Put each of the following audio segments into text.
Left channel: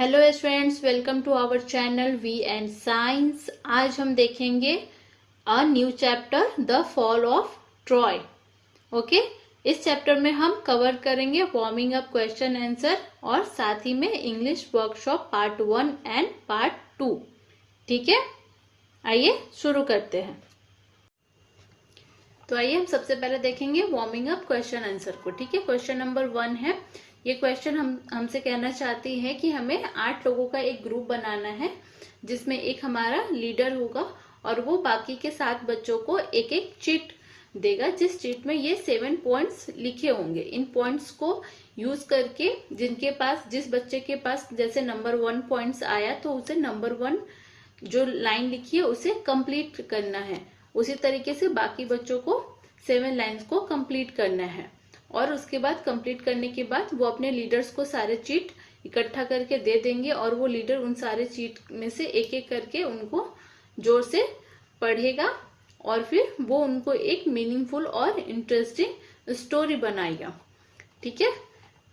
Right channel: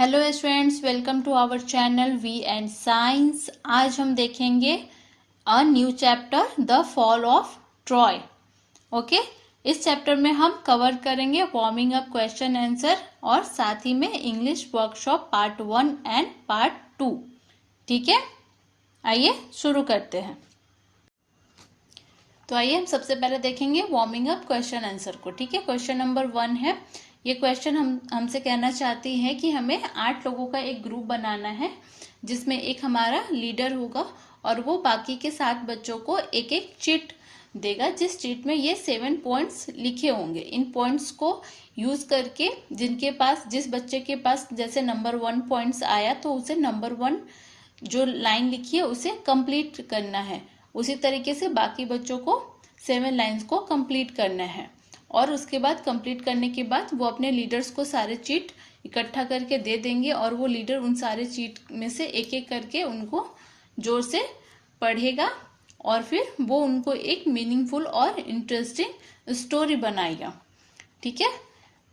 Hello students, welcome to our channel we and science. आज हम देखेंगे a new chapter the fall of Troy. Okay, इस chapter में हम कवर करेंगे वार्मिंग अप, क्वेश्चन आंसर और साथ ही में English workshop part 1 and part 2। ठीक है, आइए शुरू करते हैं। तो आइए हम सबसे पहले देखेंगे वार्मिंग अप क्वेश्चन आंसर को। ठीक है, क्वेश्चन नंबर 1 है। ये क्वेश्चन हमसे कहना चाहती है कि हमें 8 लोगों का एक ग्रुप बनाना है जिसमें एक हमारा लीडर होगा और वो बाकी के 7 बच्चों को एक एक चिट देगा, जिस चिट में ये 7 पॉइंट्स लिखे होंगे। इन पॉइंट्स को यूज करके जिस बच्चे के पास जैसे नंबर 1 पॉइंट्स आया तो उसे नंबर 1 जो लाइन लिखी है उसे कंप्लीट करना है। उसी तरीके से बाकी बच्चों को 7 लाइंस को कंप्लीट करना है और उसके बाद कंप्लीट करने के बाद वो अपने लीडर्स को सारे चीट इकट्ठा करके दे देंगे और वो लीडर उन सारे चीट में से एक एक करके उनको जोर से पढ़ेगा और फिर वो उनको एक मीनिंगफुल और इंटरेस्टिंग स्टोरी बनाएगा। ठीक है,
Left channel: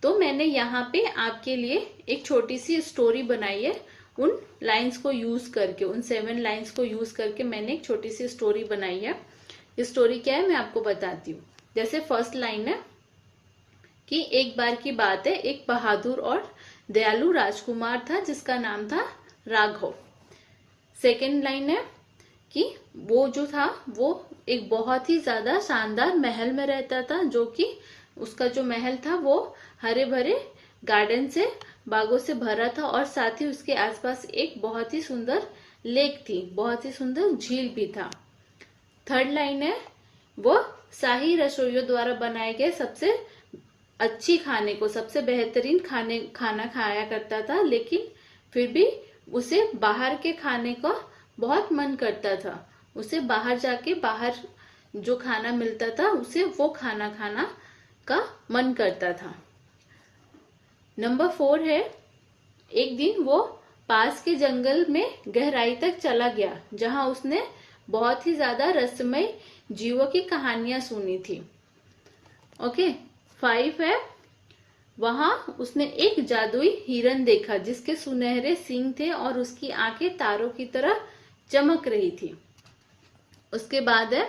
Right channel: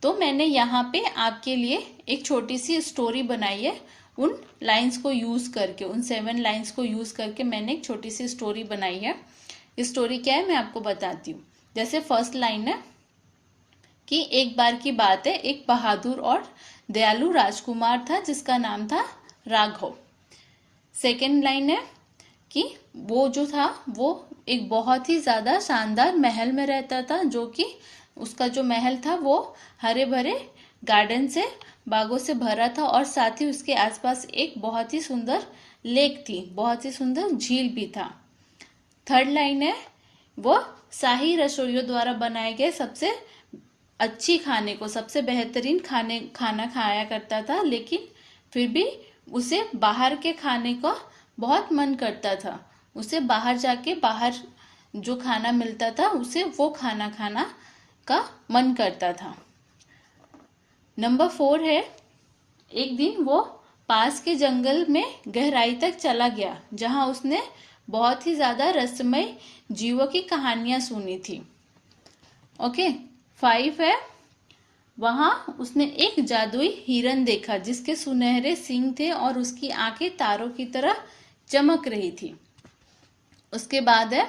तो मैंने यहाँ पे आपके लिए एक छोटी सी स्टोरी बनाई है। उन लाइंस को यूज करके, उन 7 लाइंस को यूज करके मैंने एक छोटी सी स्टोरी बनाई है। स्टोरी क्या है मैं आपको बताती हूँ। जैसे फर्स्ट लाइन है कि एक बार की बात है, एक बहादुर और दयालु राजकुमार था जिसका नाम था राघव। सेकेंड लाइन है कि वो जो था वो एक बहुत ही ज्यादा शानदार महल में रहता था, जो कि उसका जो महल था वो हरे भरे गार्डन से, बागों से भरा था और साथ ही उसके आसपास एक बहुत ही सुंदर लेक थी, बहुत ही सुंदर झील भी था। थर्ड लाइन है वो शाही रसोइयों द्वारा बनाए गए सबसे अच्छी खाने को, सबसे बेहतरीन खाना खाया करता था, लेकिन फिर भी उसे बाहर के खाने का बहुत मन करता था। उसे बाहर जाके बाहर जो खाना मिलता था उसे वो खाना खाना का मन करता था। नंबर 4 है, एक दिन वो पास के जंगल में गहराई तक चला गया जहां उसने बहुत ही ज्यादा रहस्यमय जीवों की कहानियां सुनी थी। ओके, 5 है, वहां उसने एक जादुई हिरन देखा जिसके सुनहरे सींग थे और उसकी आंखें तारों की तरह चमक रही थी। उसके बाद है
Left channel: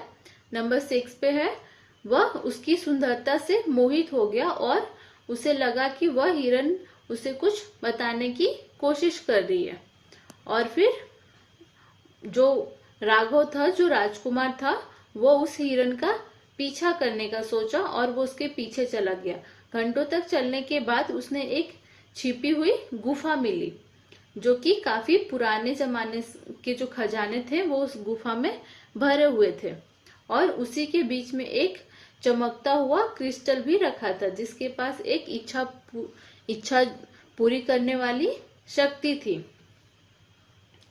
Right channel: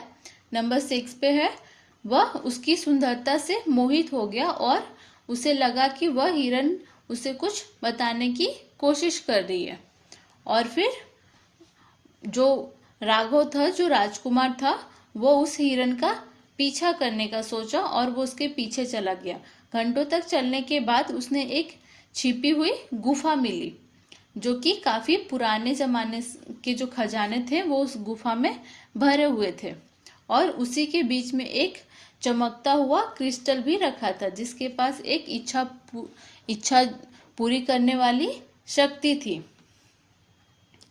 नंबर 6 पे है, वह उसकी सुंदरता से मोहित हो गया और उसे लगा कि वह हिरन उसे कुछ बताने की कोशिश कर रही है। और फिर जो राघव था, जो राजकुमार था, वो उस हिरन का पीछा करने का सोचा और वो उसके पीछे चला गया। घंटों तक चलने के बाद उसने एक छिपी हुई गुफा मिली जो कि काफी पुराने जमाने के जो खजाने थे वो उस गुफा में भरे हुए थे और उसी के बीच में एक चमकता हुआ क्रिस्टल भी रखा था जिसके पास एक इच्छा पूरी करने वाली शक्ति थी।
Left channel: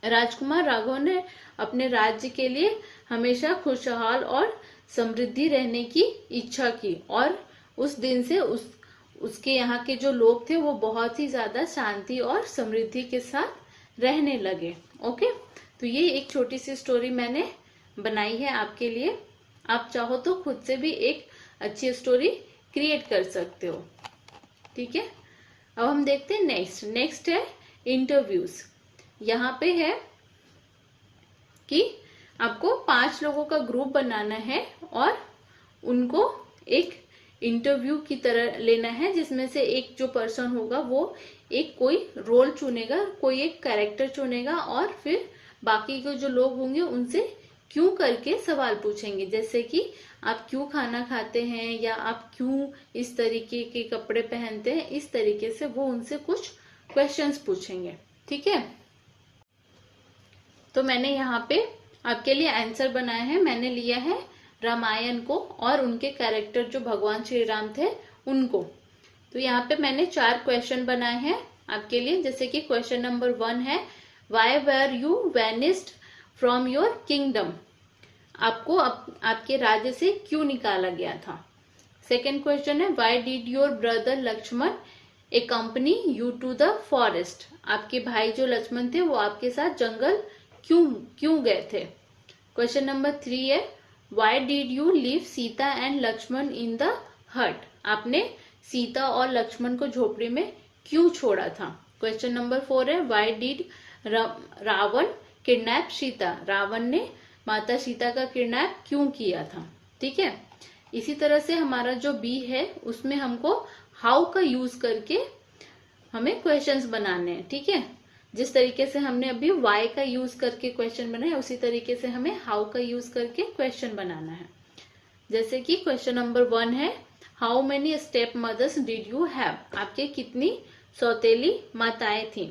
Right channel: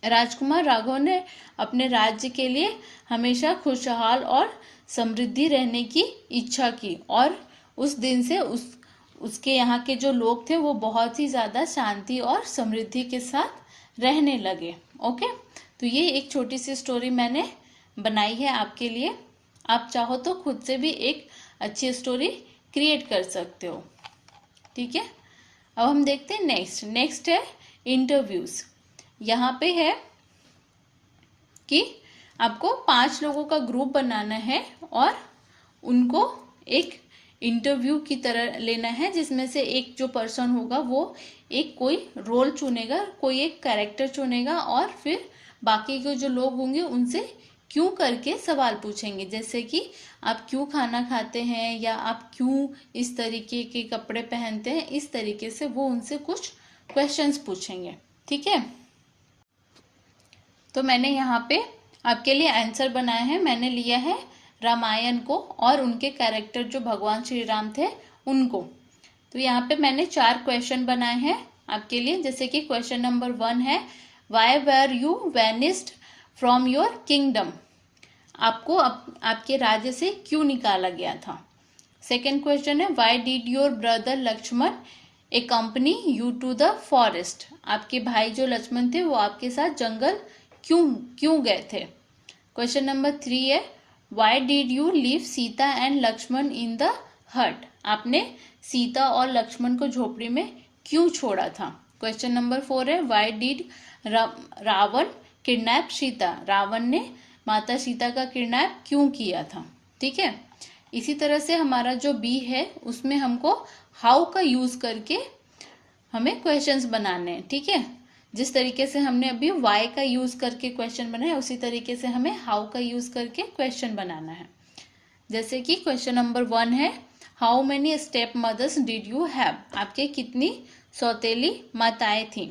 राजकुमार राघव ने अपने राज्य के लिए हमेशा खुशहाल और समृद्धि रहने की इच्छा की और उस दिन से उसके यहाँ के जो लोग थे वो बहुत ही ज्यादा शांति और समृद्धि के साथ रहने लगे। ओके, तो ये एक छोटी सी स्टोरी मैंने बनाई है आपके लिए। आप चाहो तो खुद से भी एक अच्छी स्टोरी क्रिएट कर सकते हो। ठीक है, अब हम देखते हैं नेक्स्ट है इंटरव्यूज। यहाँ पे है कि आपको 5 लोगों का ग्रुप बनाना है और उनको एक इंटरव्यू की तरह लेना है जिसमें से एक जो पर्सन होगा वो एक कोई रोल चुनेगा, कोई एक कैरेक्टर चुनेगा और फिर बाकी के जो लोग होंगे उनसे क्यों करके सवाल पूछेंगे, जैसे कि आप क्यों खाना खाते हैं या आप क्यों इस तरीके के कपड़े पहनते हैं। इस तरीके से वो उनसे कुछ क्वेश्चंस पूछेंगे। ठीक है, तो मैंने यहाँ पे आपके लिए आंसर बनाया है। मैंने लिया है रामायण को और उनके कैरेक्टर जो भगवान श्री राम थे उनको। तो यहाँ पे मैंने 4 क्वेश्चन बनाए हैं आपके लिए। जैसे कि क्वेश्चन नंबर 1 है, why were you banished from your kingdom, आपको आपके राज्य से क्यों निकाला गया था। सेकेंड क्वेश्चन है, why did your brother Lakshman accompany you to the forest, आपके भाई जो लक्ष्मण थे वो आपके साथ जंगल क्यों गए थे। क्वेश्चन नंबर 3 है, why did you leave Sita and Lakshman in the hut, आपने सीता और लक्ष्मण को झोपड़ी में क्यों छोड़ा था। क्वेश्चन नंबर 4 है why did Ravan kidnap Sita, Ravan ने माता सीता का किडनैप क्यों किया था। ठीक है, इसी तरह से हमारा जो बी है उसमें हमको हाउ का यूज करके हमें क्वेश्चंस बनाने हैं। ठीक है, जिस तरीके से हमने अभी वाई का यूज करके क्वेश्चन बनाया उसी तरीके से हमें हाउ का यूज करके क्वेश्चन बनाना है। जैसे कि क्वेश्चन नंबर 1 है how many step mothers did you have, आपके कितनी सौतेली माताएं थी।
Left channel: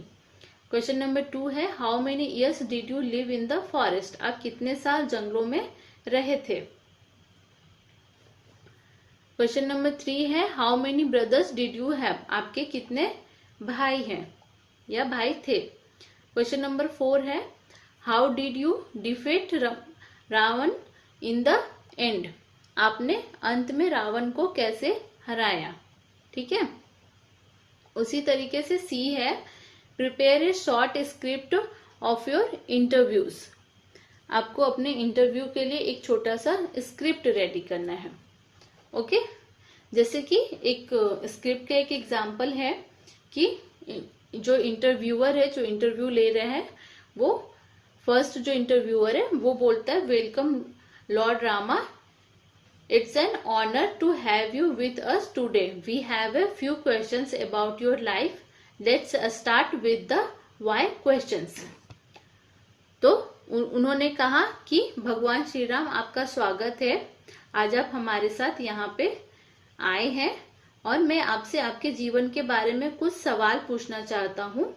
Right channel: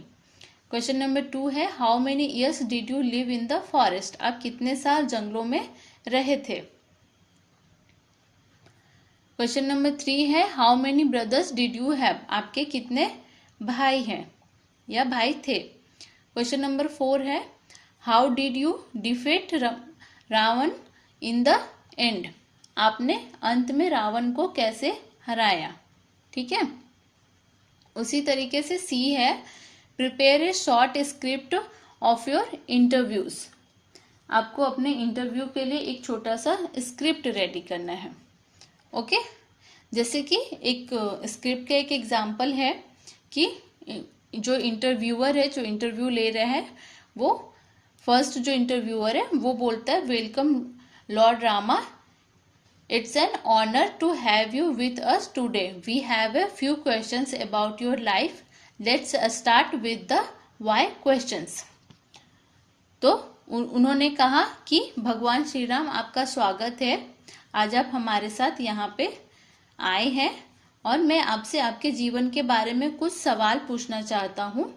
क्वेश्चन नंबर 2 है how many years did you live in the forest, आप कितने साल जंगलों में रहे थे। क्वेश्चन नंबर 3 है how many brothers did you have, आपके कितने भाई हैं या भाई थे। क्वेश्चन नंबर 4 है how did you defeat Ravan in the end, आपने अंत में रावण को कैसे हराया। ठीक है, उसी तरीके से सी है prepare a short script of your interviews, आपको अपने इंटरव्यू के लिए एक छोटा सा स्क्रिप्ट रेडी करना है। ओके, जैसे कि एक स्क्रिप्ट का एक एग्जांपल है कि जो इंटरव्यूअर है, जो इंटरव्यू ले रहा है, वो फर्स्ट जो इंटरव्यूअर है वो बोलता है welcome Lord Rama, it's an honour to have you with us today, we have a few questions about your life, let's start with the why questions. तो उन्होंने कहा कि भगवान श्री राम आपका स्वागत है, आज आप हमारे साथ यहाँ पे आए हैं और मैं आपसे आपके जीवन के बारे में कुछ सवाल पूछना चाहता हूँ।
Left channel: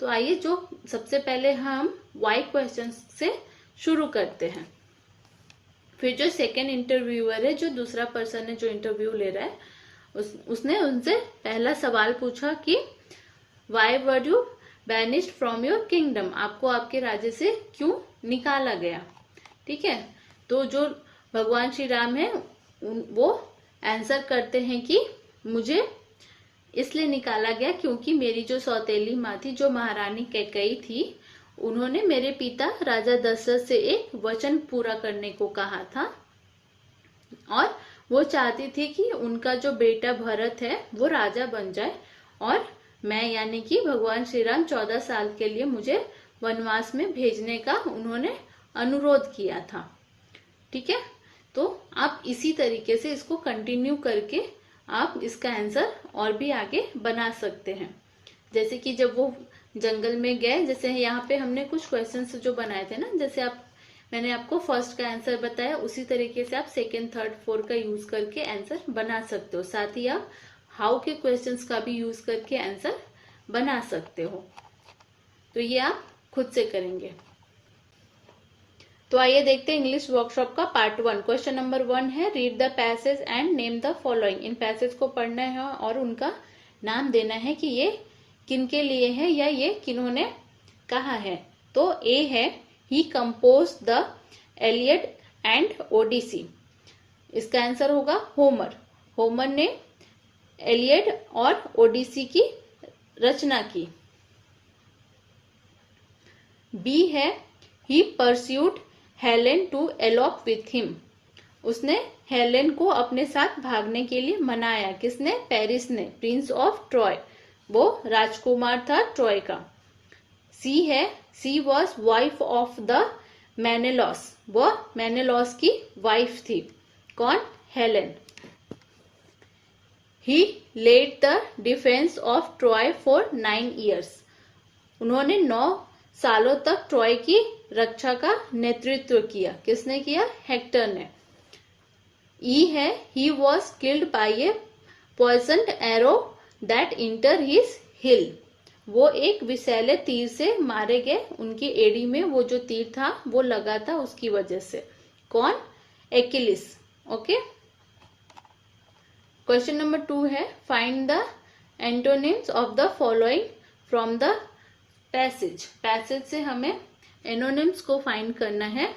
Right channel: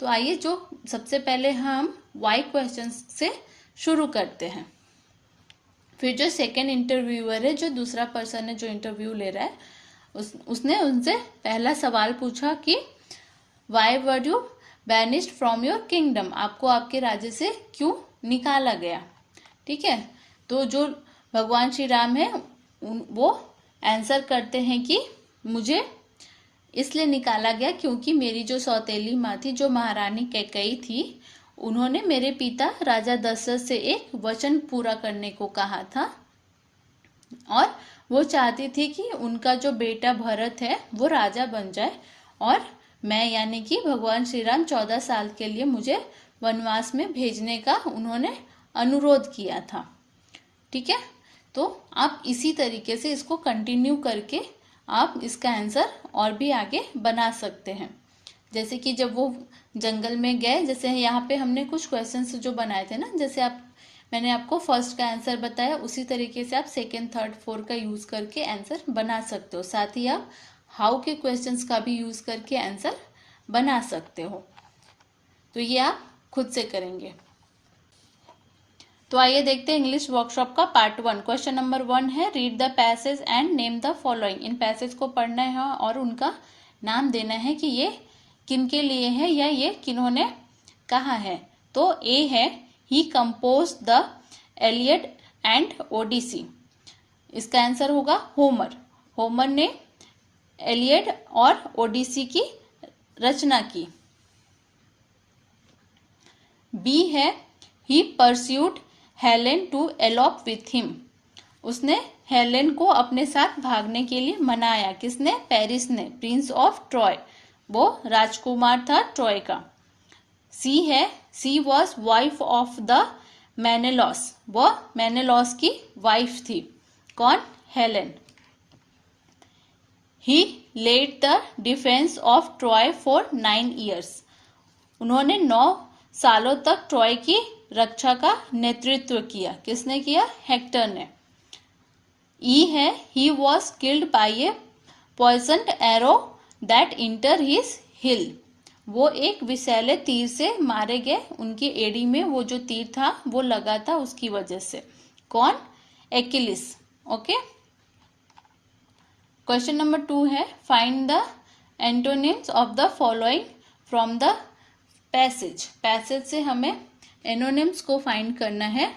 तो आइए जो सबसे पहले हम वाई क्वेश्चन से शुरू करते हैं। फिर जो सेकंड इंटरव्यूअर है, जो दूसरा पर्सन है जो इंटरव्यू ले रहा है, उसने उनसे पहला सवाल पूछा कि why were you banished from your kingdom, आपको आपके राज्य से क्यों निकाला गया। ठीक है, तो जो भगवान श्री राम है वो आंसर करते हैं कि मुझे इसलिए निकाला गया क्योंकि मेरी जो सौतेली माँ थी, जो महारानी कैकेयी थी, उन्होंने मेरे पिता राजा दशरथ से एक वचन पूरा करने को कहा था और वो चाहती थी कि उनका जो बेटा भरत है वो राजा बन जाए और मैं यानी कि भगवान श्री राम 14 साल के लिए मुझे वनवास में भेजने का उन्होंने अनुरोध किया था। ठीक है, तो आप इसी तरीके से इसको कंटिन्यू करके आप इसका आंसर और भी आगे बना सकते हैं। जैसे कि जब वो जंगल में गए, जैसे यहाँ पे हमने कुछ क्वेश्चंस जो बनाए थे ना, जैसे मैंने आपको फर्स्ट का आंसर बताया, उसी तरीके से आप सेकेंड, थर्ड, फोर्थ का यूज करके आंसर बना सकते हो। साथ ही आप हाउ के क्वेश्चंस का भी यूज करके आंसर बना सकते हो। तो ये आप खुद से करेंगे। तो आइए देखते हैं इंग्लिश वर्कशॉप का पार्ट 1। क्वेश्चन नंबर 1 है read the passage and name the following, in passage को पढ़ना है और उनका नाम देना है कि ये किनके लिए है या ये किन्होंने कहा है। तो ए है ही कंपोज द एलियड एंड ओडिसी, इसका आंसर होगा होमर, होमर ने एलियड और ओडिसी की रचना की। बी है he pursued Helen to elope with him, उसने हेलेन को अपने साथ भागने के लिए मनाया। किसने? पेरिस ने, प्रिंस ऑफ ट्रॉय, वो राजकुमार था ट्रॉय का। सी है she was wife of the Menelaus, वो मेनेलॉस की वाइफ थी। कौन? Helen. He led the defence of Troy for 9 years, उन्होंने 9 सालों तक ट्रॉय की रक्षा का नेतृत्व किया। किसने किया? हेक्टर ने। ई है he was killed by a poisoned arrow that entered his heel, वो एक विषैले तीर से मारे गए, उनकी एड़ी में वो जो तीर था वो लगा था उसकी वजह से। कौन? एक्किलिस। ओके, क्वेश्चन नंबर 2 है find the antonyms of the following from the passage, passage से हमें एनोनिम्स को फाइंड करना है।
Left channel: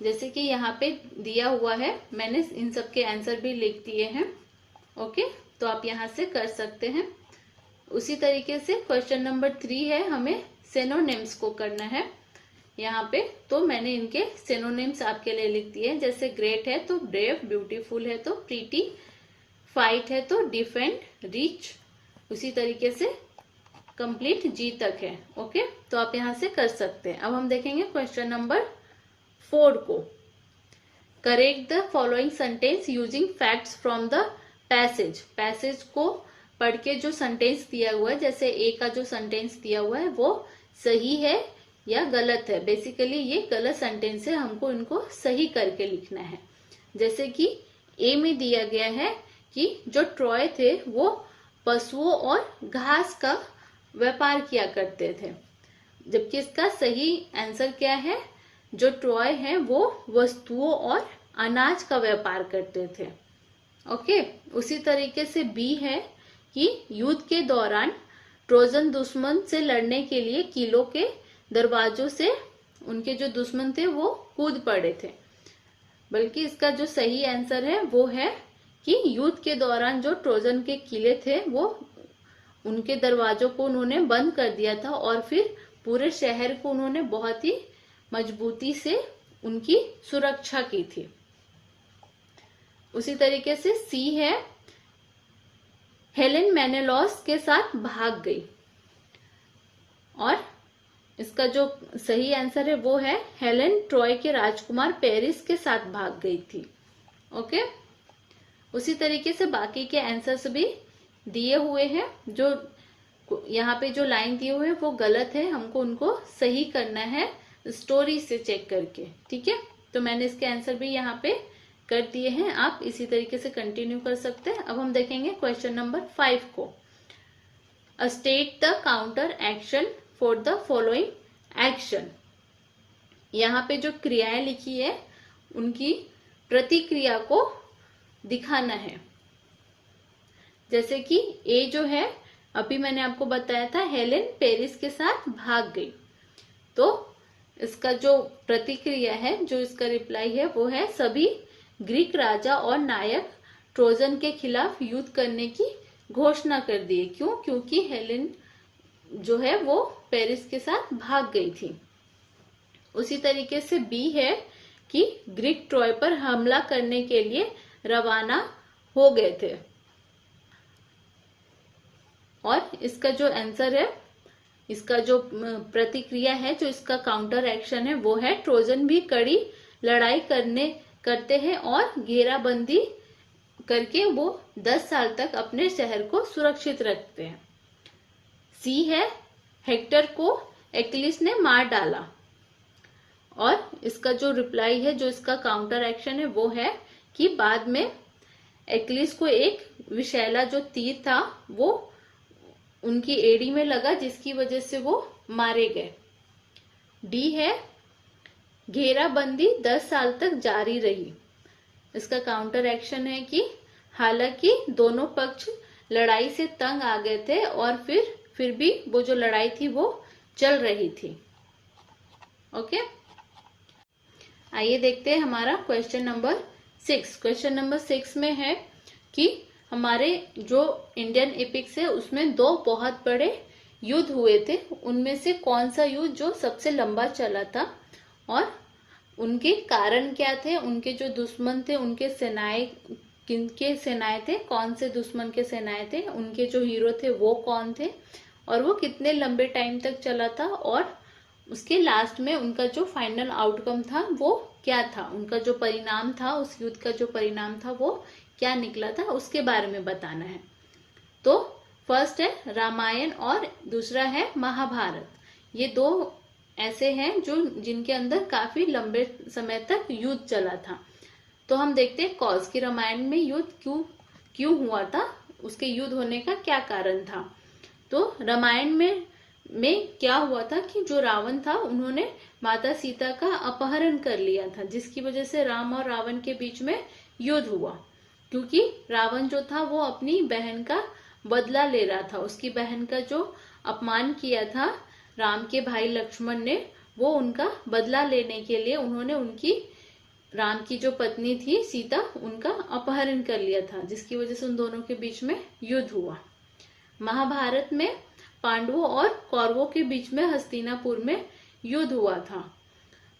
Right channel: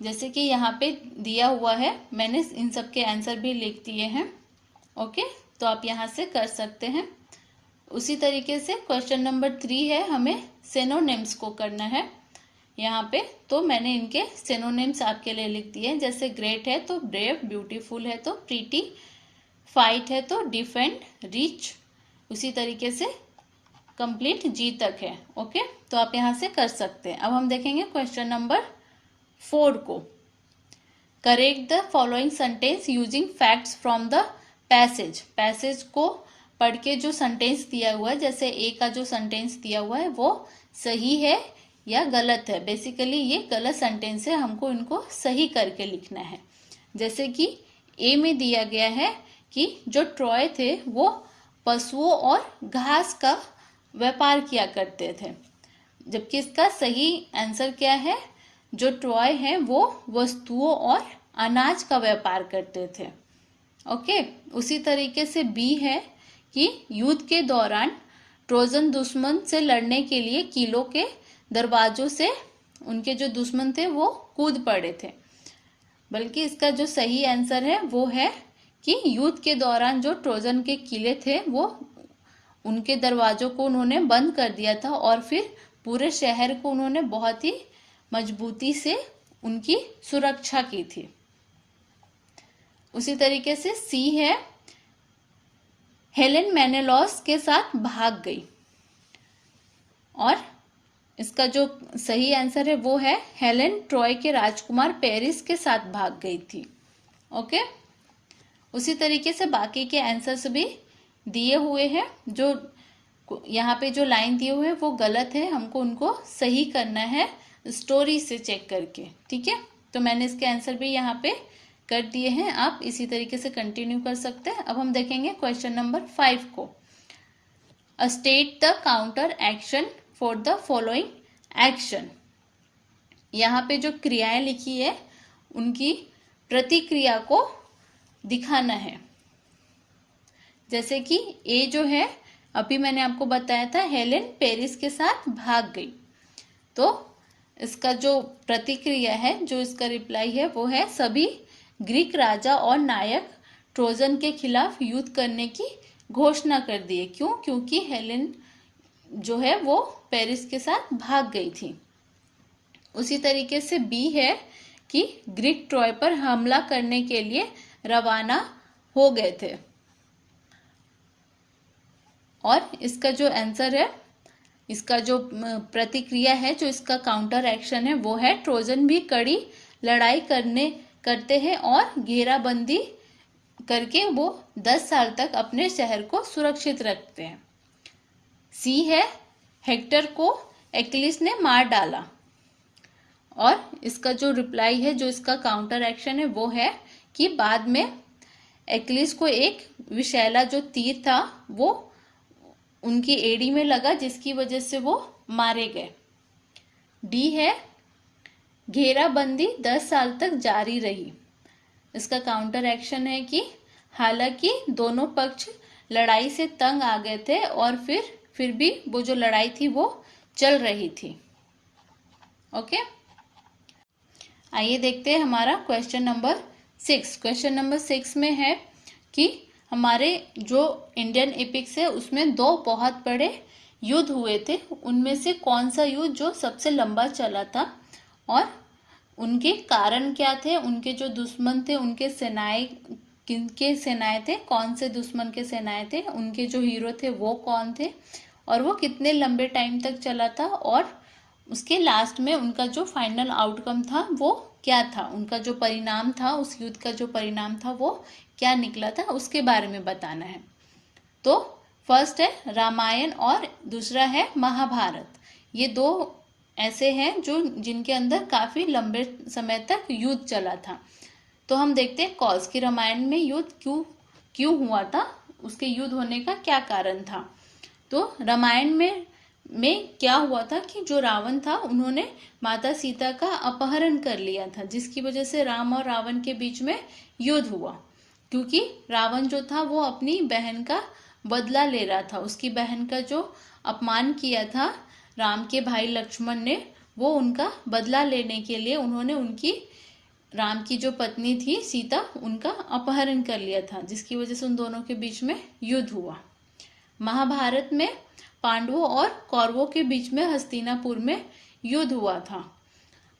जैसे कि यहाँ पे दिया हुआ है, मैंने इन सब के आंसर भी लिख दिए हैं। ओके, तो आप यहाँ से कर सकते हैं। उसी तरीके से क्वेश्चन नंबर 3 है, हमें सिनोनिम्स को करना है यहाँ पे। तो मैंने इनके सिनोनिम्स आपके लिए लिख दिए हैं। जैसे ग्रेट है तो ब्रेव, ब्यूटीफुल है तो प्रीटी, फाइट है तो डिफेंड, रिच। उसी तरीके से कंप्लीट जी तक है। ओके, तो आप यहाँ से कर सकते हैं। अब हम देखेंगे क्वेश्चन नंबर 4 को। Correct the following sentence using facts from the passage. Passage को पढ़ के जो सेंटेंस दिया हुआ है, जैसे ए का जो सेंटेंस दिया हुआ है वो सही है या गलत है। बेसिकली ये गलत सेंटेंस है, हमको इनको सही करके लिखना है। जैसे कि ए में दिया गया है कि जो ट्रॉय थे वो पशुओं और घास का व्यापार किया करते थे, जबकि इसका सही आंसर क्या है, जो ट्रॉय है वो वस्तुओं और अनाज का व्यापार करते थे। ओके, उसी तरीके से बी है कि युद्ध के दौरान ट्रोजन दुश्मन से लड़ने के लिए किलों के दरवाजों से उनके जो दुश्मन थे वो कूद पड़े थे। बल्कि इसका जो सही आंसर है वो है कि युद्ध के दौरान जो ट्रोजन के किले थे वो उनके दरवाजों को उन्होंने बंद कर दिया था और फिर पूरे शहर को उन्होंने बहुत ही मजबूती से उनकी सुरक्षा की थी। उसी तरीके से सी है, हेलेन मेनेलॉस के साथ भाग गई। और इसका जो सही आंसर है वो है हेलेन ट्रॉय के राजकुमार पेरिस के साथ भाग गई थी। ओके, उसी तरीके से बाकी के आंसर्स भी दिए हुए हैं। जो यहाँ पे जो लाइन दिए हुए हैं वो गलत है, हमको उनको सही करना है स्टोरी से चेक करके। ठीक है, तो मैंने इसके आंसर भी यहाँ पे कर दिए हैं, आप इसी तरीके से कंटिन्यू कर सकते हैं। अब हम देखेंगे क्वेश्चन नंबर 5 को। State the counter action for the following action. यहाँ पे जो क्रियाएं लिखी है उनकी प्रतिक्रिया को दिखाना है। जैसे कि ए जो है, अभी मैंने आपको बताया था हेलेन पेरिस के साथ भाग गई, तो इसका जो प्रतिक्रिया है, जो इसका रिप्लाई है वो है सभी ग्रीक राजा और नायक ट्रोजन के खिलाफ युद्ध करने की घोषणा कर दिए। क्यों? क्योंकि हेलेन जो है वो पेरिस के साथ भाग गई थी। उसी तरीके से बी है कि ग्रीक ट्रॉय पर हमला करने के लिए रवाना हो गए थे। और इसका जो आंसर है, इसका जो प्रतिक्रिया है, जो इसका काउंटर एक्शन है वो है ट्रोजन भी कड़ी लड़ाई करते हैं और घेराबंदी करके वो 10 साल तक अपने शहर को सुरक्षित रखते हैं। सी है, हेक्टर को एक्लिस ने मार डाला। और इसका जो रिप्लाई है, जो इसका काउंटर एक्शन है वो है कि बाद में एक्लिस को एक विषैला जो तीर था वो उनकी एड़ी में लगा, जिसकी वजह से वो मारे गए। डी है, घेराबंदी 10 साल तक जारी रही। इसका काउंटर एक्शन है कि हालांकि दोनों पक्ष लड़ाई से तंग आ गए थे और फिर भी वो जो लड़ाई थी वो चल रही थी। ओके, आइए देखते हैं हमारा क्वेश्चन नंबर 6। क्वेश्चन नंबर 6 में है कि हमारे जो इंडियन एपिक्स है उसमें 2 बहुत बड़े युद्ध हुए थे, उनमें से कौन सा युद्ध जो सबसे लंबा चला था और उनके कारण क्या थे, उनके जो दुश्मन थे उनके सेनाएं किनके सेनाएं थे, कौन से दुश्मन के सेनाएं थे, उनके जो हीरो थे वो कौन थे और वो कितने लंबे टाइम तक चला था और उसके लास्ट में उनका जो फाइनल आउटकम था वो क्या था, उनका जो परिणाम था, उस युद्ध का जो परिणाम था वो क्या निकला था, उसके बारे में बताना है। तो फर्स्ट है रामायण और दूसरा है महाभारत। ये 2 ऐसे हैं जो जिनके अंदर काफी लंबे समय तक युद्ध चला था। तो हम देखते हैं कॉज की रामायण में युद्ध क्यों हुआ था, उसके युद्ध होने का क्या कारण था। तो रामायण में क्या हुआ था कि जो रावण था उन्होंने माता सीता का अपहरण कर लिया था, जिसकी वजह से राम और रावण के बीच में युद्ध हुआ। क्योंकि रावण जो था वो अपनी बहन का बदला ले रहा था, उसकी बहन का जो अपमान किया था राम के भाई लक्ष्मण ने, वो उनका बदला लेने के लिए उन्होंने उनकी राम की जो पत्नी थी सीता, उनका अपहरण कर लिया था, जिसकी वजह से उन दोनों के बीच में युद्ध हुआ। महाभारत में पांडवों और कौरवों के बीच में हस्तिनापुर में युद्ध हुआ था।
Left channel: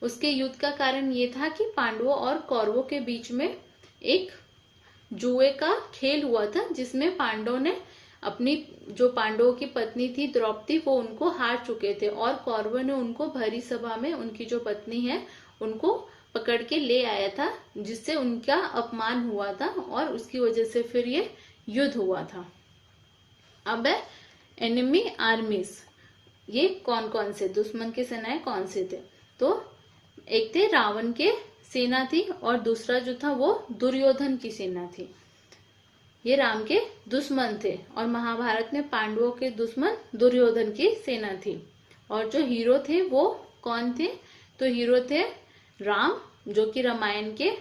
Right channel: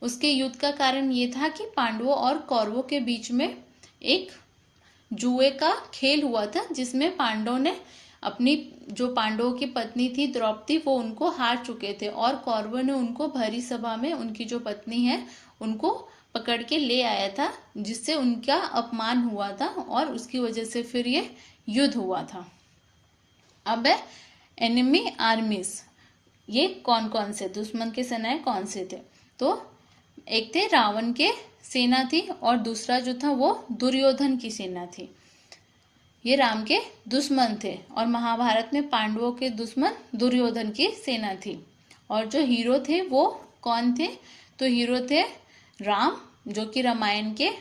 उसके युद्ध का कारण ये था कि पांडवों और कौरवों के बीच में एक जुए का खेल हुआ था, जिसमें पांडवों ने अपनी जो पांडवों की पत्नी थी द्रौपदी, वो उनको हार चुके थे और कौरवों ने उनको भरी सभा में उनकी जो पत्नी है उनको पकड़ के ले आया था, जिससे उनका अपमान हुआ था और उसकी वजह से फिर ये युद्ध हुआ था। अब है एनिमी आर्मीज। ये कौन कौन से दुश्मन की सेनाएं कौन से थे? तो एक थे रावण के सेना थी और दूसरा जो था वो दुर्योधन की सेना थी। ये राम के दुश्मन थे और महाभारत में पांडवों के दुश्मन दुर्योधन की सेना थी। और जो हीरो थे वो कौन थे? तो हीरो थे राम, जो कि रामायण के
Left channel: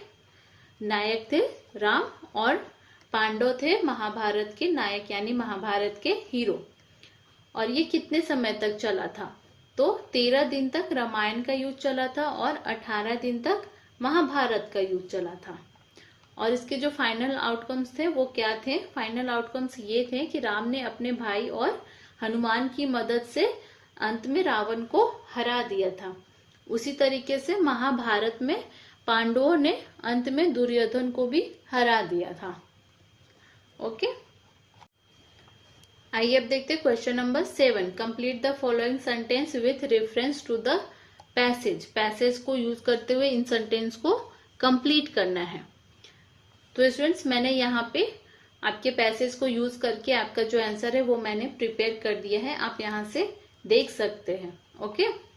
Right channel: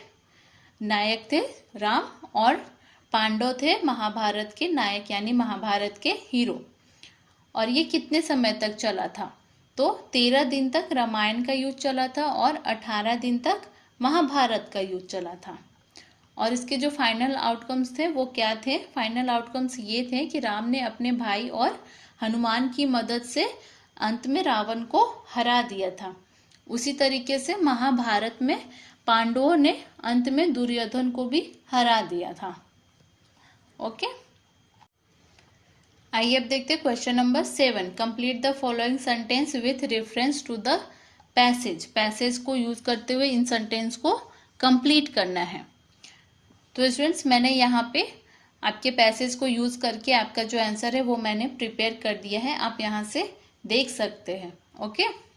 नायक थे राम, और पांडव थे महाभारत के नायक यानी महाभारत के हीरो। और ये कितने समय तक चला था? तो 13 दिन तक रामायण का युद्ध चला था और 18 दिन तक महाभारत का युद्ध चला था। और इसके जो फाइनल आउटकम्स थे वो क्या थे? फाइनल आउटकम्स ये थे कि राम ने अपने भाई और हनुमान की मदद से अंत में रावण को हरा दिया था। उसी तरीके से महाभारत में पांडवों ने अंत में दुर्योधन को भी हरा दिया था। ओके, आइए अब देखते हैं question number 7। Complete the following sentence with reference to the passage. Passage को यूज करते हुए इन सेंटेंस को कंप्लीट करना है। तो स्टूडेंट्स, मैंने यहाँ पे आपके पैसेज को यूज करके आपका जो आंसर है वो मैंने प्रिपेयर कर दिया है, आप यहाँ से देख सकते हैं। ओके,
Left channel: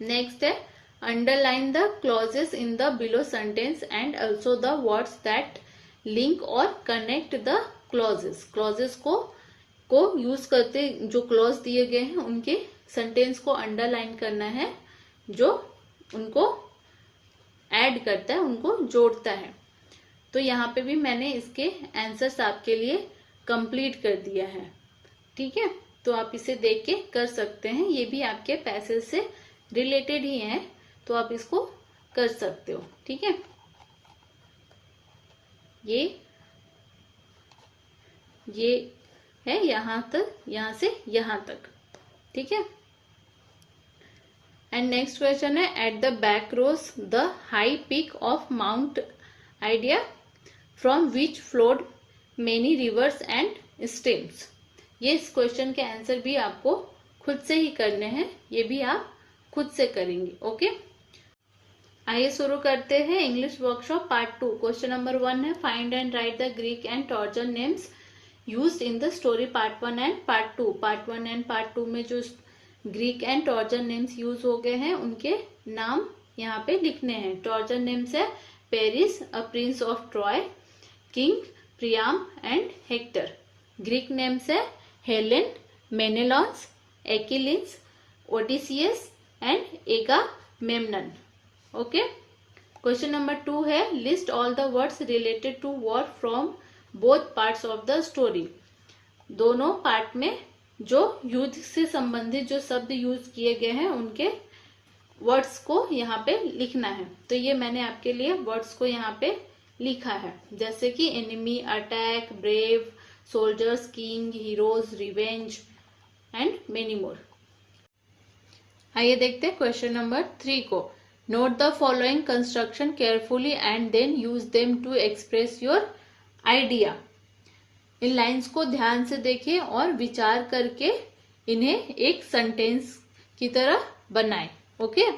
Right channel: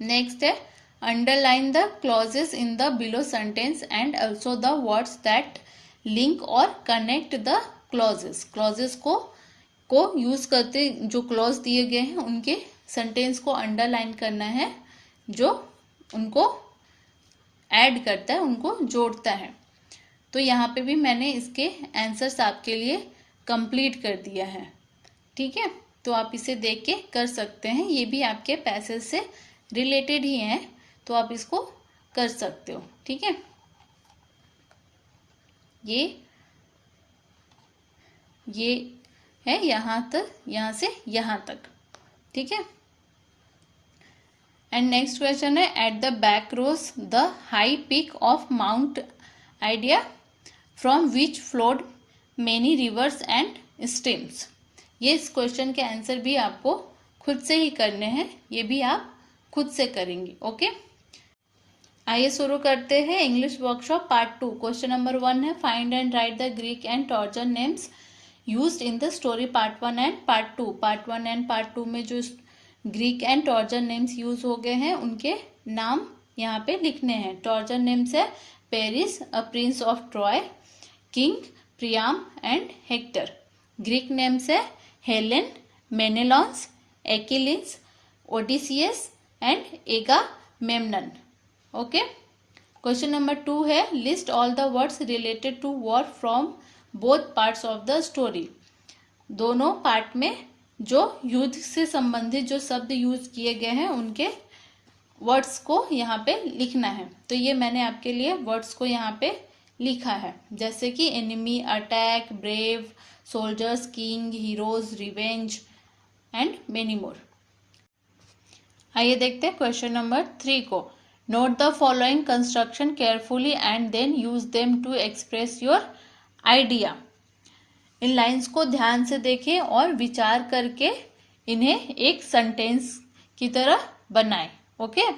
नेक्स्ट है underline the clauses in the below sentence and also the words that link और कनेक्ट द क्लॉजेस। क्लॉजेस को यूज करते जो क्लॉज दिए गए हैं उनके सेंटेंस को अंडरलाइन करना है, जो उनको ऐड करता है, उनको जोड़ता है। तो यहाँ पे भी मैंने इसके आंसर्स आपके लिए कंप्लीट कर दिया है। ठीक है, तो आप इसे देख के कर सकते हैं, ये भी आपके पैसेज से रिलेटेड ही है, तो आप इसको कर सकते हो। ठीक है, ये है यहाँ तक, यहाँ से यहाँ तक। ठीक है, एंड नेक्स्ट क्वेश्चन है at the back rose the high peak of Mount Ida from which flowed many rivers and streams. ये इस क्वेश्चन के आंसर भी आपको खुद से ही करने हैं, ये भी आप खुद से करेंगे। ओके, आइए शुरू करते हैं English workshop part 2। Question number 1 है find and right the Greek and torsion names used in the story part 1 and part 2। Part 1 and part 2 में जो Greek and torsion names use हो गए हैं उनके नाम यहाँ पे लिखने हैं। टॉर्जन नेम्स है Paris, a prince of Troy, king Priam and Hector. Greek names है Helen, मेनेलॉन्स, एक्किलीज, Odysseus and एगामेम्नन। Okay, question number 2 है list all the words related to war from both parts of the story. दोनों part में जो युद्ध से संबंधित जो शब्द यूज किए गए हैं उनके वर्ड्स को यहाँ पे लिखना है। तो ये मैंने आपके लिए वर्ड्स को यहाँ पे लिखा है, जैसे कि enemy, attack, brave, soldiers, king, heroes, revenge and many more. आइए देखते हैं क्वेश्चन नंबर 3 को। Note the following construction carefully and then use them to express your idea. इन लाइंस को ध्यान से देखें और विचार करके इन्हें एक सेंटेंस की तरह बनाएं। ओके,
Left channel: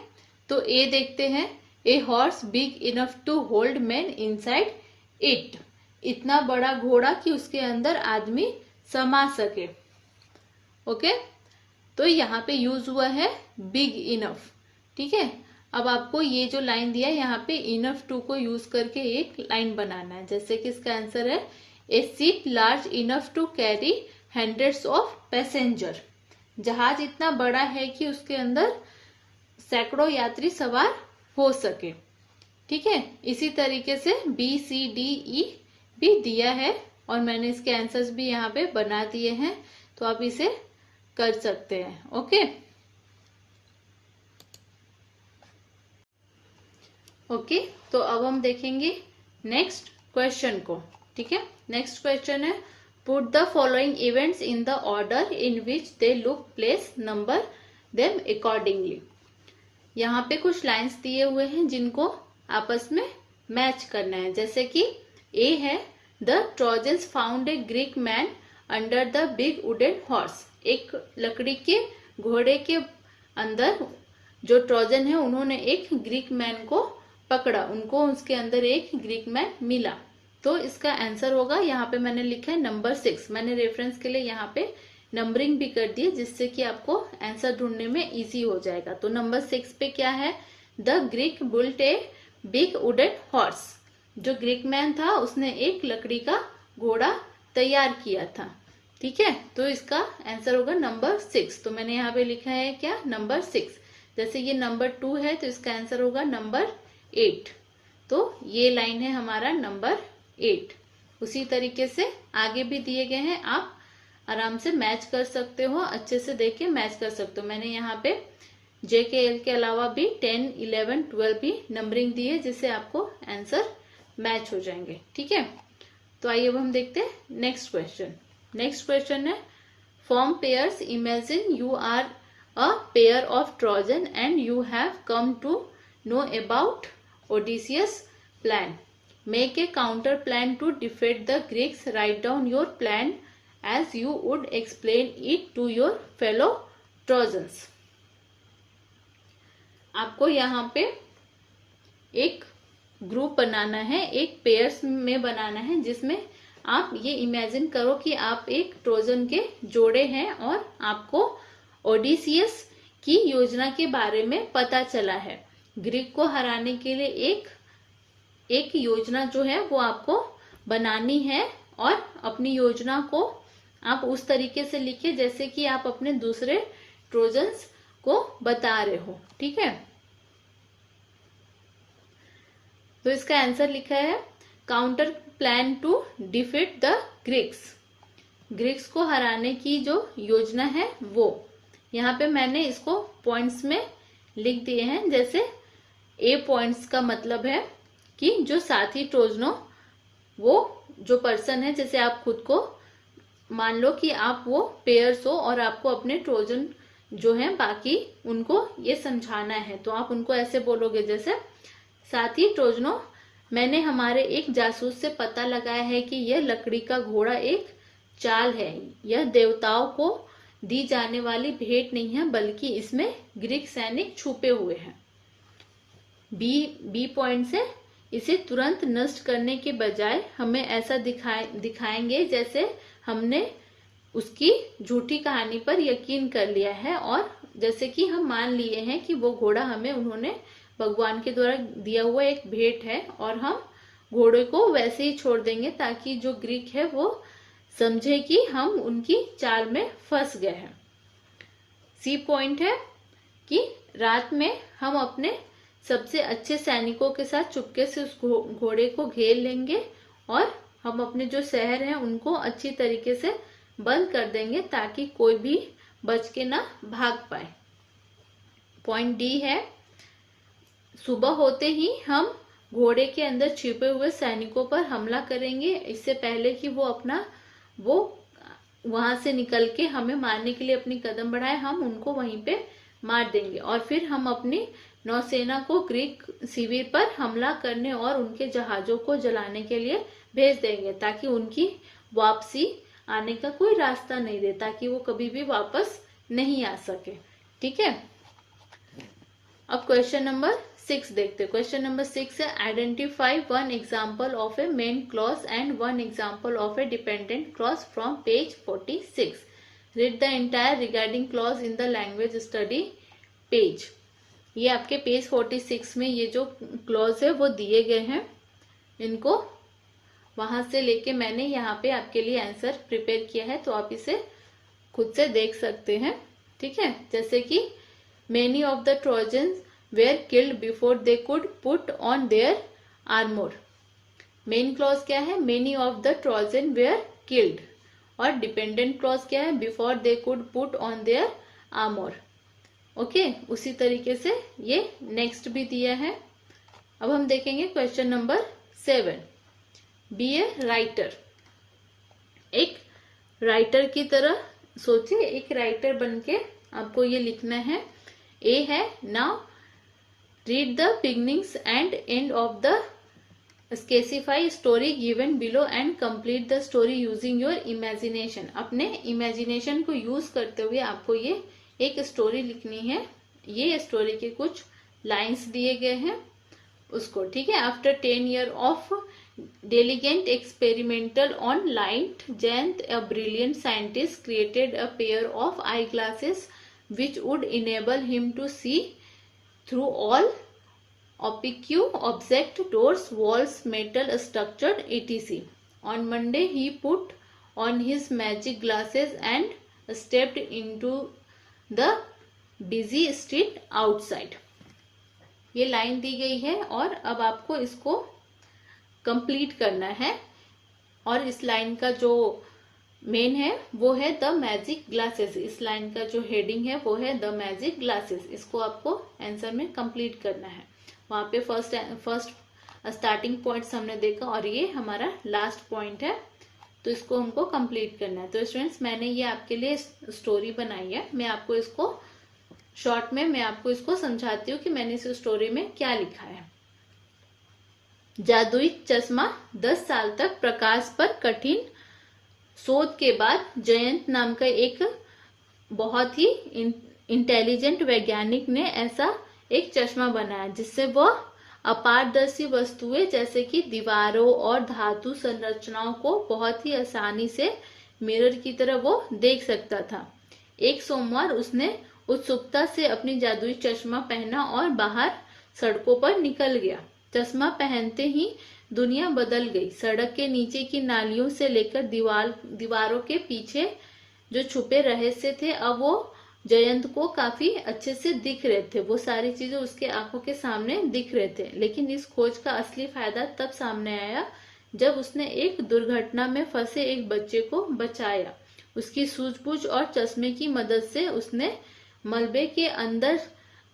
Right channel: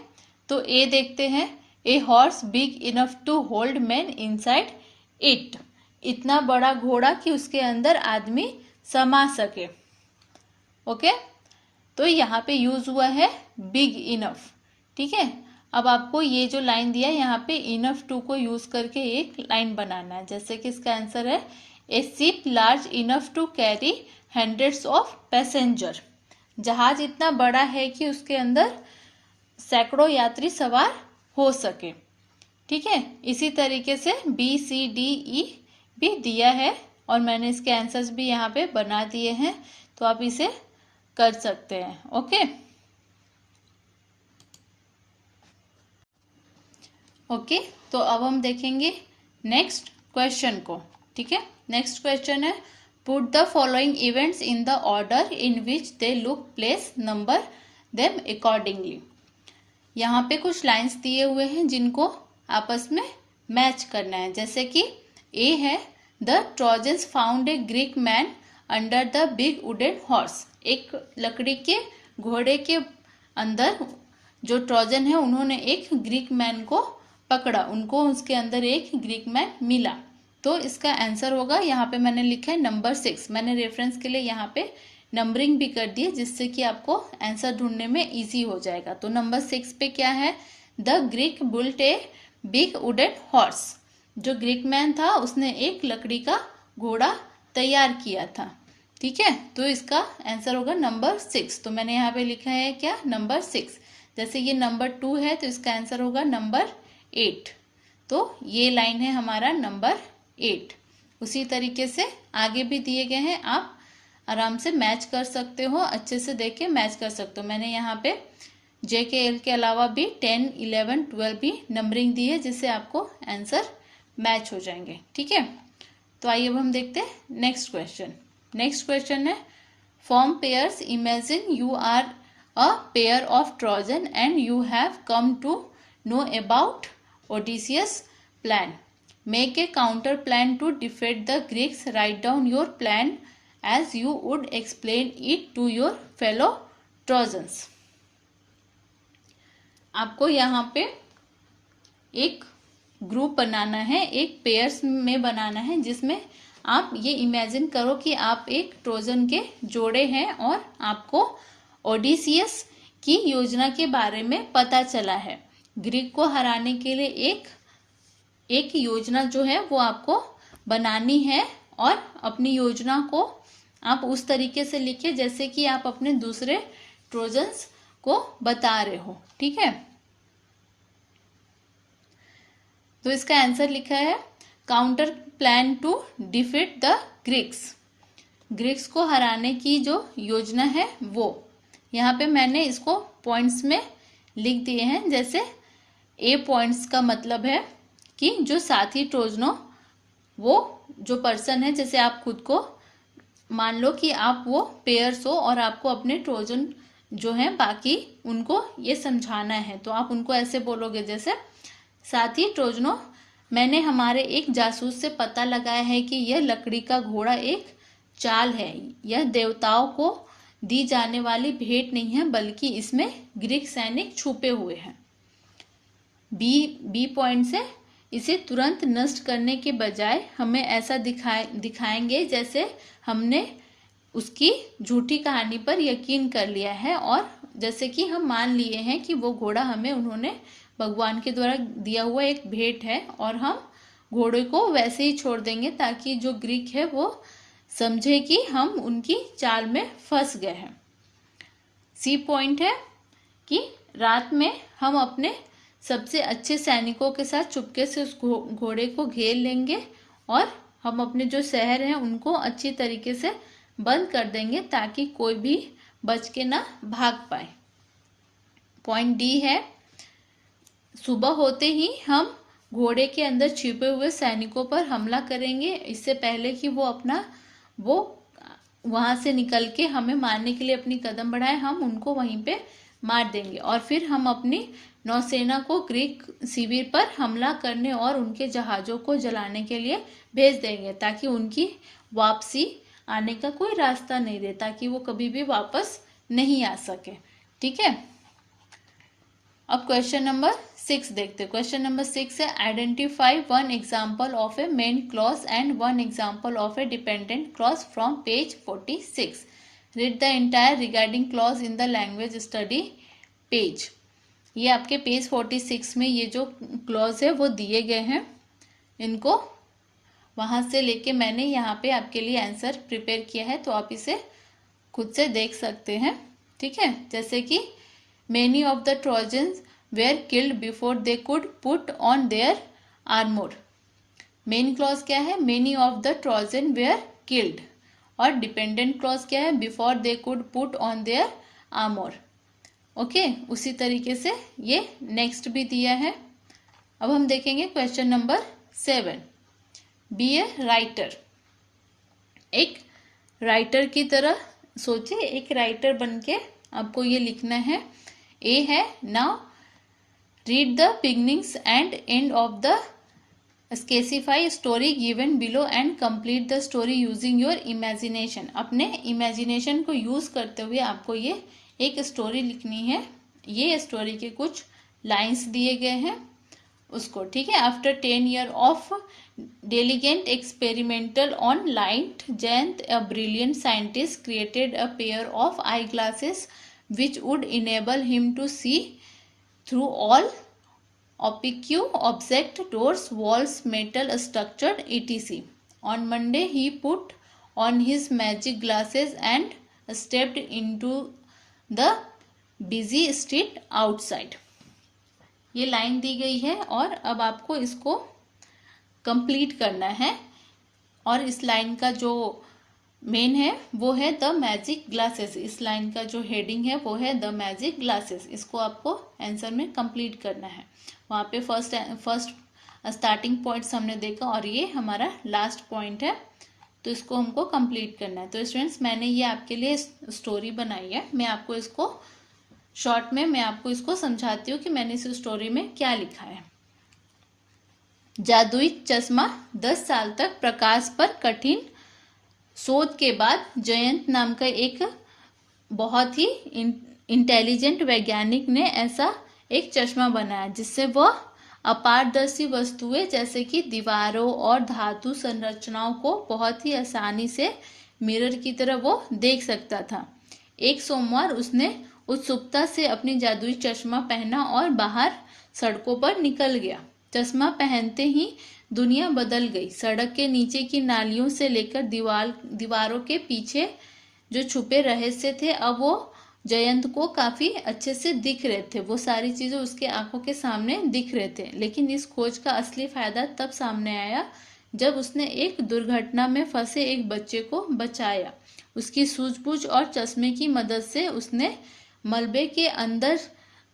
तो ए देखते हैं। A horse big enough to hold man inside it. इतना बड़ा घोड़ा कि उसके अंदर आदमी समा सके। ओके, तो यहाँ पे यूज हुआ है बिग इनफ। ठीक है, अब आपको ये जो लाइन दिया है यहाँ पे इनफ टू को यूज करके एक लाइन बनाना है, जैसे कि इसका आंसर है a ship large enough to carry hundreds of passenger. जहाज इतना बड़ा है कि उसके अंदर सैकड़ों यात्री सवार हो सके। ठीक है, इसी तरीके से बी सी डी ई भी दिया है और मैंने इसके आंसर्स भी यहाँ पे बना दिए हैं, तो आप इसे कर सकते हैं। ओके, ओके, तो अब हम देखेंगे नेक्स्ट क्वेश्चन को। ठीक है, नेक्स्ट क्वेश्चन है put the following events in the order in which they look place number them accordingly. यहाँ पे कुछ लाइंस दिए हुए हैं जिनको आपस में मैच करना है, जैसे कि ए है the trojans found a Greek man under the big wooden horse. एक लकड़ी के घोड़े के अंदर जो ट्रोजन है उन्होंने एक ग्रीक मैन को पकड़ा, उनको उसके अंदर एक ग्रीक मैन मिला। तो इसका आंसर होगा, यहाँ पे मैंने लिखा है नंबर 6। मैंने रेफरेंस के लिए यहाँ पे नंबरिंग भी कर दी है जिससे कि आपको आंसर ढूंढने में इजी हो जाएगा। तो नंबर 6 पे क्या है, the Greek built a big wooden horse. जो ग्रीक मैन था उसने एक लकड़ी का घोड़ा तैयार किया था। ठीक है, तो इसका आंसर होगा नंबर 6। तो मैंने यहाँ पे लिखा है क्या, नंबर 6। जैसे ये नंबर 2 है तो इसका आंसर होगा नंबर 8। तो ये लाइन है हमारा नंबर 8। उसी तरीके से आगे भी दिए गए हैं, आप आराम से मैच कर सकते हो, अच्छे से देख के मैच कर सकते हो। मैंने यहाँ पे JKL के अलावा भी 10, 11, 12 भी नंबरिंग दी है जिससे आपको आंसर मैच हो जाएंगे। ठीक है, तो आइए अब हम देखते हैं नेक्स्ट क्वेश्चन। नेक्स्ट क्वेश्चन है, form pairs, imagine you are a pair of Trojan and you have come to know about Odysseus plan. Make a counter plan to defeat the Greeks. Write down your plan as you would explain it to your fellow Trojans। आपको यहाँ पे एक group बनाना है, एक pairs में बनाना है, जिसमें आप ये इमेजिन करो कि आप एक ट्रोजन के जोड़े हैं और आपको ओडिसियस की योजना के बारे में पता चला है। ग्रीक को हराने के लिए एक योजना जो है वो आपको बनानी है और अपनी योजना को आप उस तरीके से लिखिए जैसे कि आप अपने दूसरे ट्रोजन्स को बता रहे हो। ठीक है, तो इसका आंसर लिखा है, counter plan to defeat the Greeks. Greeks को हराने की जो योजना है वो, यहाँ पे मैंने इसको पॉइंट्स में लिख दिए हैं। जैसे ए पॉइंट्स का मतलब है कि जो साथी ट्रोजनों, वो जो पर्सन है, जैसे आप खुद को मान लो कि आप वो पेयर्स हो और आपको अपने ट्रोजन जो है बाकी उनको ये समझाना है, तो आप उनको ऐसे बोलोगे जैसे, साथी ट्रोजनों, मैंने हमारे एक जासूस से पता लगाया है कि यह लकड़ी का घोड़ा एक चाल है। यह देवताओं को दी जाने वाली भेंट नहीं है बल्कि इसमें ग्रीक सैनिक छुपे हुए हैं। बी पॉइंट से, इसे तुरंत नष्ट करने के बजाय हमें ऐसा दिखाएंगे जैसे हमने उसकी झूठी कहानी पर यकीन कर लिया है और जैसे कि हम मान लिए हैं कि वो घोड़ा हमें उन्होंने भगवान के द्वारा दिया हुआ एक भेंट है और हम घोड़े को वैसे ही छोड़ देंगे ताकि जो ग्रीक है वो समझे कि हम उनकी चाल में फंस गए हैं। सी पॉइंट है कि रात में हम अपने सबसे अच्छे सैनिकों के साथ चुपके से उस घोड़े को घेर लेंगे और हम अपने जो शहर हैं उनको अच्छी तरीके से बंद कर देंगे ताकि कोई भी बच के ना भाग पाए। पॉइंट डी है, सुबह होते ही हम घोड़े के अंदर छिपे हुए सैनिकों पर हमला करेंगे, इससे पहले कि वो वहां से निकल के हमें मारने के लिए अपनी कदम बढ़ाए, हम उनको वहीं पे मार देंगे और फिर हम अपनी नौसेना को ग्रीक शिविर पर हमला करने और उनके जहाजों को जलाने के लिए भेज देंगे ताकि उनकी वापसी आने का कोई रास्ता नहीं रहे, ताकि वो कभी भी वापस नहीं आ सके। ठीक है, अब क्वेश्चन नंबर 6 देखते हैं। क्वेश्चन नंबर 6 है, identify one example of A main clause and one example of A dependent clause from page 46। Read the entire regarding clause in the language study page. ये आपके पेज 46 में ये जो clause है वो दिए गए हैं, इनको वहां से लेके मैंने यहाँ पे आपके लिए आंसर प्रिपेयर किया है, तो आप इसे खुद से देख सकते हैं। ठीक है, जैसे कि many of the trojans where killed before they could put on their armour. Main clause क्या है, many of the Trojan where killed, और डिपेंडेंट क्लॉज क्या है, before they could put on their armour. Okay, उसी तरीके से ये next भी दिया है। अब हम देखेंगे question number 7। Be a writer. एक राइटर की तरह सोचिए, एक राइटर बनके आपको ये लिखना है। ए है, now read the beginnings and end of the specify story given below and complete the story using your imagination. अपने इमेजिनेशन को यूज करते हुए आपको ये एक स्टोरी लिखनी है। ये स्टोरी के कुछ लाइंस दिए गए हैं उसको, ठीक है। After 10 years of diligent experimental on light, Jayant, a brilliant scientist, created a pair of eyeglasses which would enable him to see through all opaque objects, doors, walls, metal structure, etc. On Monday, he put on his magic glasses and stepped into the busy street outside. ये line दी गई है और अब आपको इसको complete करना है। और इस लाइन का जो मेन है वो है द मैजिक ग्लासेस। इस लाइन का जो हेडिंग है वो है द मैजिक ग्लासेस। इसको आपको आंसर में कंप्लीट करना है। वहां पे फर्स्ट स्टार्टिंग पॉइंट्स हमने देखा और ये हमारा लास्ट पॉइंट है, तो इसको हमको कंप्लीट करना है। तो स्टूडेंट्स, मैंने ये आपके लिए स्टोरी बनाई है। मैं आपको इसको शॉर्ट में मैं आपको इसको समझाती हूँ कि मैंने इस स्टोरी में क्या लिखा है। जादुई चश्मा। 10 साल तक प्रकाश पर कठिन शोध के बाद जयंत नाम का एक बहुत ही इंटेलिजेंट वैज्ञानिक ने ऐसा एक चश्मा बनाया जिससे वह अपारदर्शी वस्तुएं जैसे कि दीवारों और धातु संरचनाओं को बहुत ही आसानी से मिरर की तरह वो देख सकता था। एक सोमवार उसने उत्सुकता से अपनी जादुई चश्मा पहना और बाहर सड़कों पर निकल गया। चश्मा पहनते ही दुनिया बदल गई। सड़क के नीचे की नालियों से लेकर दीवारों के पीछे जो छुपे रहस्य थे अब वो जयंत को काफी अच्छे से दिख रहे थे। वो सारी चीजें उसके आंखों के सामने दिख रहे थे। लेकिन इस खोज का असली फायदा तब सामने आया जब उसने एक दुर्घटना में फंसे एक बच्चे को बचाया। उसकी सूझबूझ और चश्मे की मदद से उसने मलबे के अंदर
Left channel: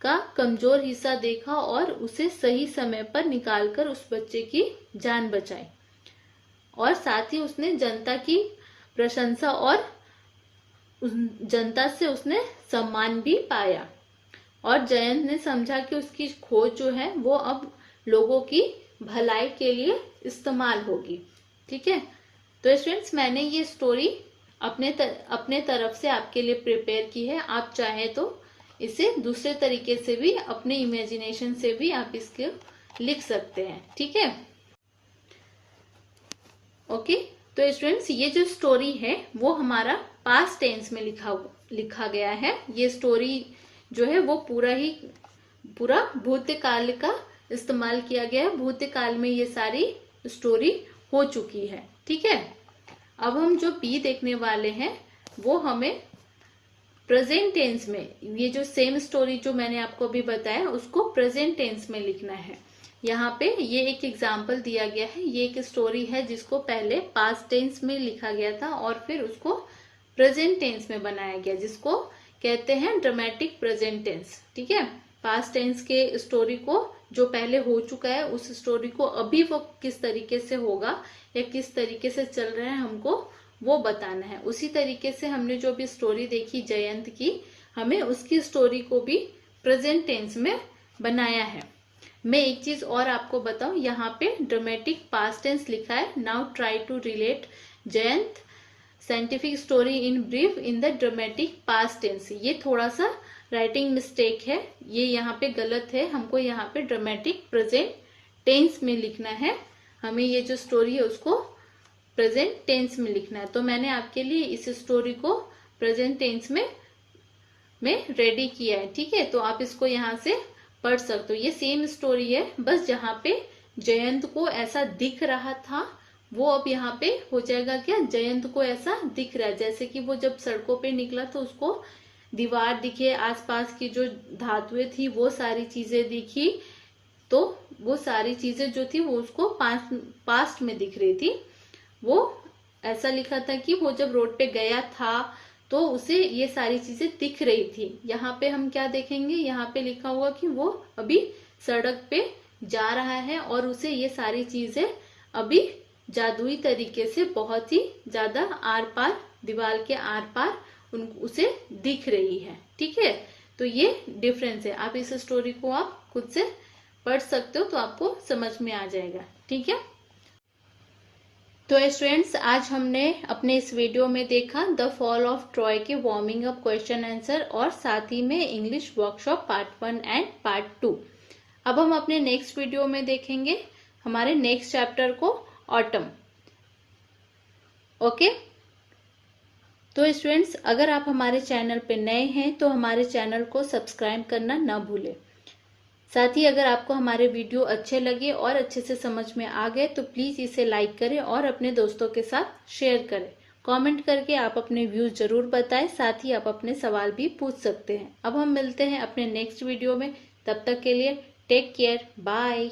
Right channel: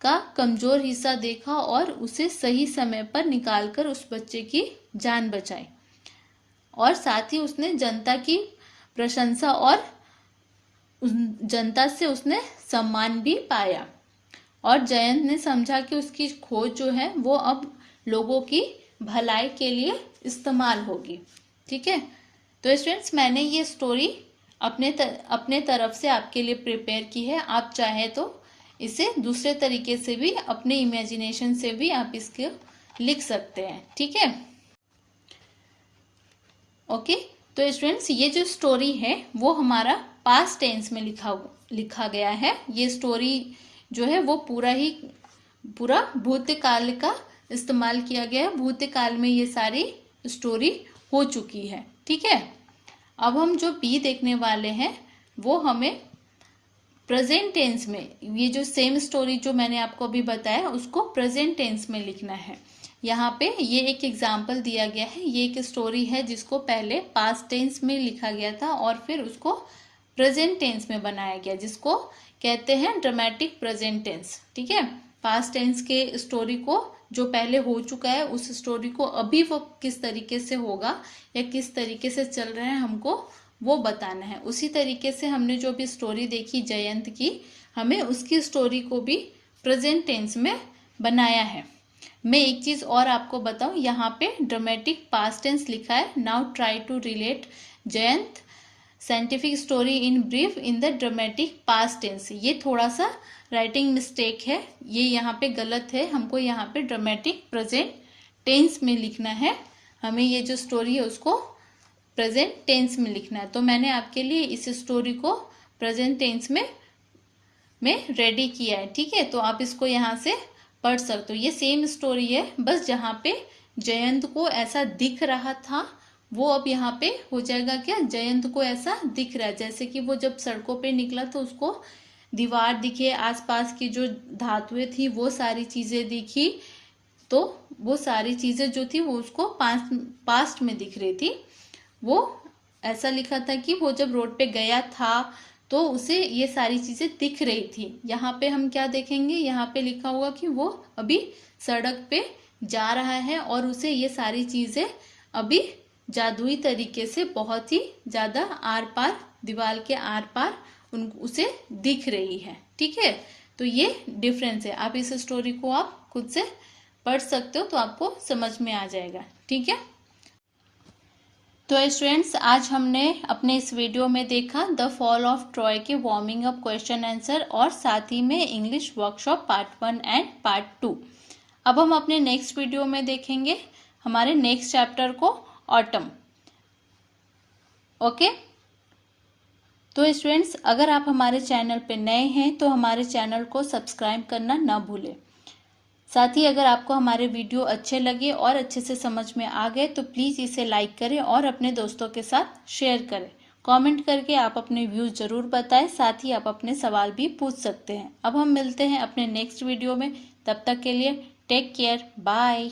का कमजोर हिस्सा देखा और उसे सही समय पर निकालकर उस बच्चे की जान बचाई। और साथ ही उसने जनता की प्रशंसा और जनता से उसने सम्मान भी पाया। और जयंत ने समझा कि उसकी खोज जो है वो अब लोगों की भलाई के लिए इस्तेमाल होगी। ठीक है, तो स्टूडेंट्स, मैंने ये स्टोरी अपने तरफ से आपके लिए प्रिपेयर की है। आप चाहे तो इसे दूसरे तरीके से भी, अपने इमेजिनेशन से भी आप इसको लिख सकते हैं। ठीक है, ओके। तो स्टूडेंट्स, ये जो स्टोरी है वो हमारा पास्ट टेंस में लिखा गया है। ये स्टोरी जो है वो पूरा भूतकाल का इस्तेमाल किया गया है। भूतकाल में ये सारी स्टोरी हो चुकी है। ठीक है, अब हम जो बी देखने वाले हैं वो हमें प्रेजेंट टेंस में, ये जो सेम स्टोरी जो मैंने आपको अभी बताया उसको प्रेजेंट टेंस में लिखना है। यहाँ पे ये एक एग्जाम्पल दिया गया है। ये एक स्टोरी है जिसको पहले पास्ट टेंस में लिखा गया था और फिर उसको प्रेजेंट टेंस में बनाया गया, जिसको कहते हैं ड्रामेटिक प्रेजेंट टेंस। ठीक है, पास्ट टेंस के स्टोरी को जो पहले हो चुका है उस स्टोरी को अभी वो किस तरीके से होगा या किस तरीके से चल रहा है हमको वो बताना है। उसी तरीके से हमने जो भी स्टोरी देखी जयंत की, हमें उसकी स्टोरी को भी प्रेजेंट टेंस में बनाया है। मैं एक चीज और आपको बताऊं, यहाँ पे ड्रामेटिक पास्ट टेंस लिखा है। Now try to relate Jayant scientific story in brief in the dramatic past tense. ये थोड़ा सा राइटिंग मिस्टेक है, ये यहाँ पे गलत है। हमको यहाँ पे ड्रामेटिक प्रेजेंट टेंस में लिखना है। हमें ये जो स्टोरी है उसको प्रेजेंट टेंस में लिखना है। तो मैंने आपके लिए इस स्टोरी को प्रेजेंट टेंस में रेडी किया है। ठीक है, तो आप इसको यहाँ से पढ़ सकते हो। ये सेम स्टोरी है, बस जहाँ पे जयंत को ऐसा दिख रहा था वो अब यहाँ पे हो जाएगा क्या, जयंत को ऐसा दिख रहा है। जैसे कि वो जब सड़कों पे निकला तो उसको दीवार दिखे, आसपास की जो धातुएं थी वो सारी चीजें दिखी, तो वो सारी चीजें जो थी वो उसको पास्ट में दिख रही थी। वो ऐसा लिखा था कि वो जब रोड पे गया था तो उसे ये सारी चीजें दिख रही थी। यहाँ पे हम क्या देखेंगे, यहाँ पे लिखा हुआ कि वो अभी सड़क पे जा रहा है और उसे ये सारी चीजें अभी जादुई तरीके से बहुत ही ज्यादा आर पार, दीवार के आर पार उसे दिख रही है। ठीक है, तो ये डिफरेंस है। आप इस स्टोरी को आप खुद से पढ़ सकते हो तो आपको समझ में आ जाएगा। ठीक है, तो स्टूडेंट्स आज हमने अपने इस वीडियो में देखा द फॉल ऑफ ट्रॉय के वार्मिंग अप क्वेश्चन आंसर और साथ ही में English workshop part 1 and part 2। अब हम अपने नेक्स्ट वीडियो में देखेंगे हमारे नेक्स्ट चैप्टर को, ऑटम। ओके, तो स्टूडेंट्स अगर आप हमारे चैनल पे नए हैं तो हमारे चैनल को सब्सक्राइब करना ना भूलें। साथ ही अगर आपको हमारे वीडियो अच्छे लगे और अच्छे से समझ में आ गए तो प्लीज़ इसे लाइक करें और अपने दोस्तों के साथ शेयर करें। कमेंट करके आप अपने व्यूज़ ज़रूर बताएं, साथ ही आप अपने सवाल भी पूछ सकते हैं। अब हम मिलते हैं अपने नेक्स्ट वीडियो में, तब तक के लिए टेक केयर, बाय।